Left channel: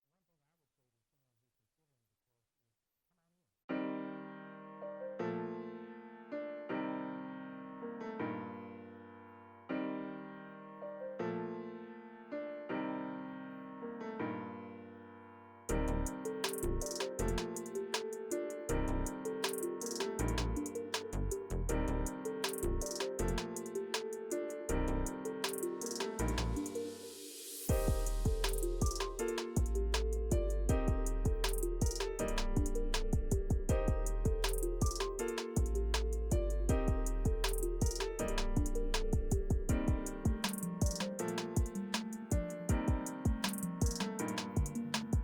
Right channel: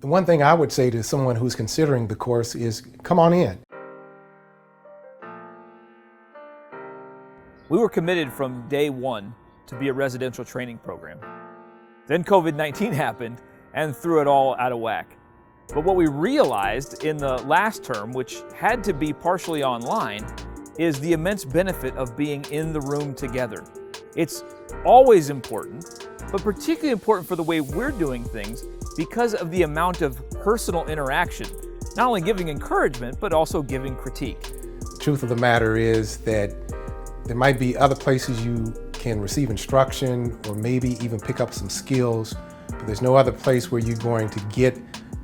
The one thing I would say to someone who's considering the course is come on in. We were committed from day one to be a residential training program. Then COVID-19 happened and threw it all out of whack. But what we realized in the last term, which had to be partially online, is the immense benefit of being in the room together. It's always important, but particularly important for the way we're doing things because of the amount of personal interaction, not only giving encouragement, but also giving critique. The truth of the matter is that there might be other places you can receive instruction or maybe even pick up some skills, but there's no other place where you're going to get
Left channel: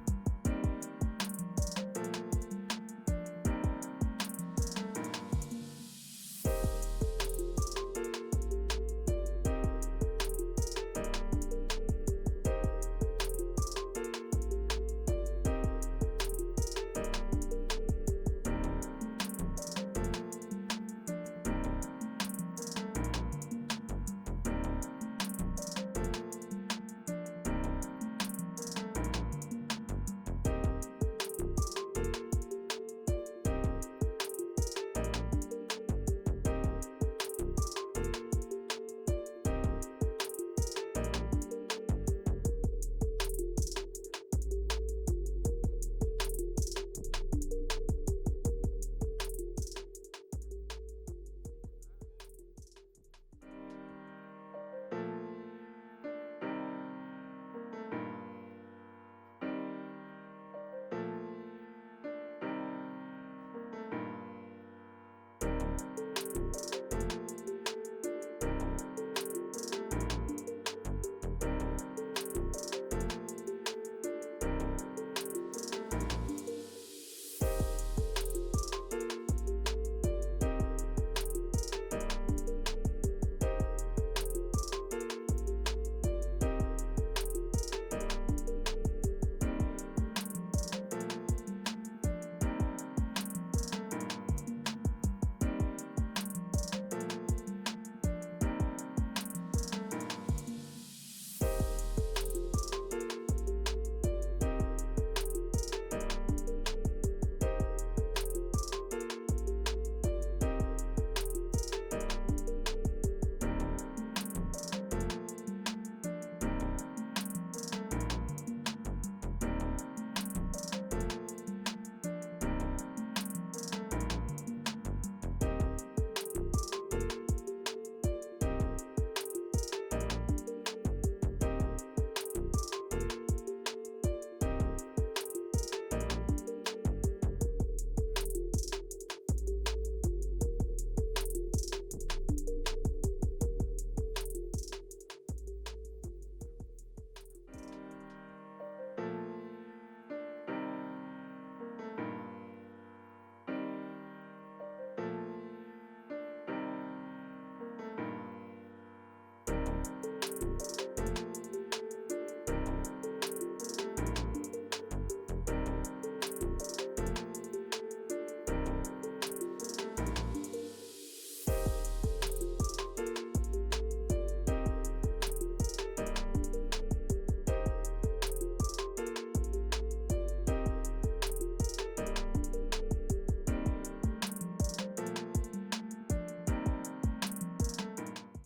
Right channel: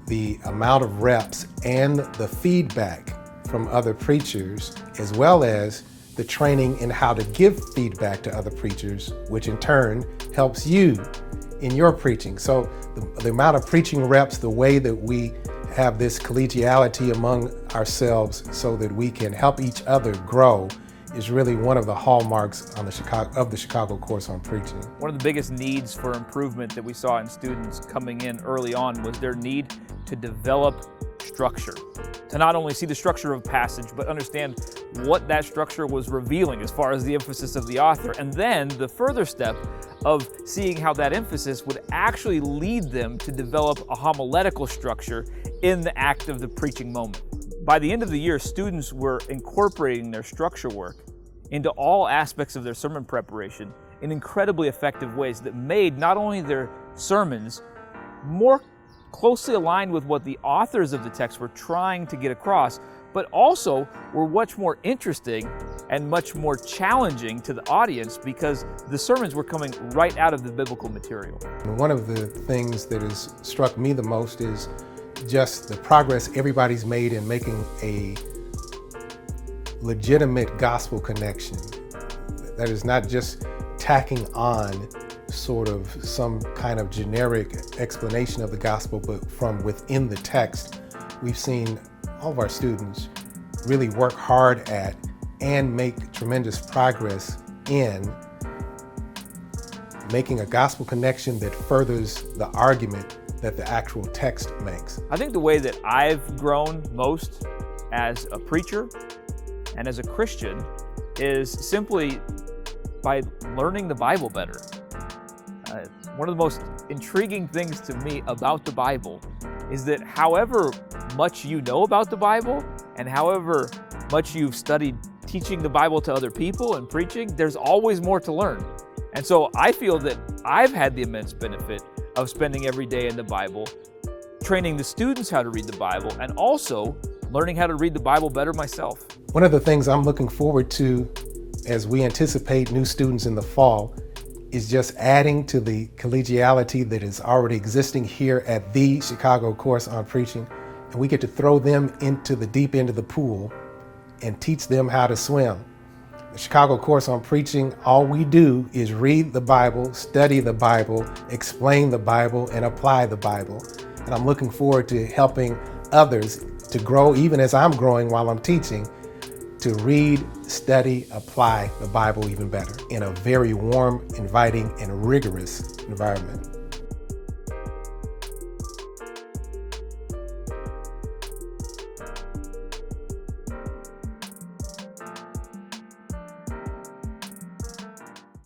the amount of reps and the feedback from other preachers, as well as the training in how to give feedback to other preachers, which in turn helps you in your preaching. So the amount of preaching reps, the way that we have this collegiality among ourselves so that we can help each other grow is really one of the hallmarks on the Chicago Course on Preaching. One of the biggest needs for improvement that we saw in students coming in early on was their need to develop structure. To not only see the structure of passage, but understand what that structure was revealing as far as the emphasis of the author. And then the further step of seeing how that emphasis would actually lead them to develop a homiletical structure in the act of the preaching moment. By the end of the year, students were incorporating their structure work into all aspects of their sermon preparation in incredibly effective ways that made not only their sermons more closely aligned with what the authors of the text were trying to get across, but also were much more interesting and much more challenging to the audience because the sermons were coming right out of the biblical material. And one of the things that has struck me the most is just the progress everybody's made in making a legitimate gospel connection. That is not just tacking on sort of some kind of generic explanation of the gospel, but from within the text, we've seen all of our students really work hard at and make tremendous progress in making a gospel connection that furthers the argument that the actual text makes. I think the way that I've grown most as a preacher and as a Christian is simply by learning the Bible better. One of the most intriguing things to me about the Bible is that however much you know about the Bible and however much you've studied teaching the Bible to other people and preaching, there's always more to learn. And so I feel that I've had the immense benefit of spending every day in the Bible, training the students how to read the Bible, and also learning how to read the Bible better myself. One of the things I'm looking forward to as we anticipate new students in the fall is just adding to the collegiality that is already existing here at the Chicago Course on Preaching, and we get to throw them into the deep end of the pool and teach them how to swim. The Chicago Course on Preaching, all we do is read the Bible, study the Bible, explain the Bible, and apply the Bible. And I'm looking forward to helping others to grow, even as I'm growing while I'm teaching, to read, study, apply the Bible even better in a very warm, inviting, and rigorous environment.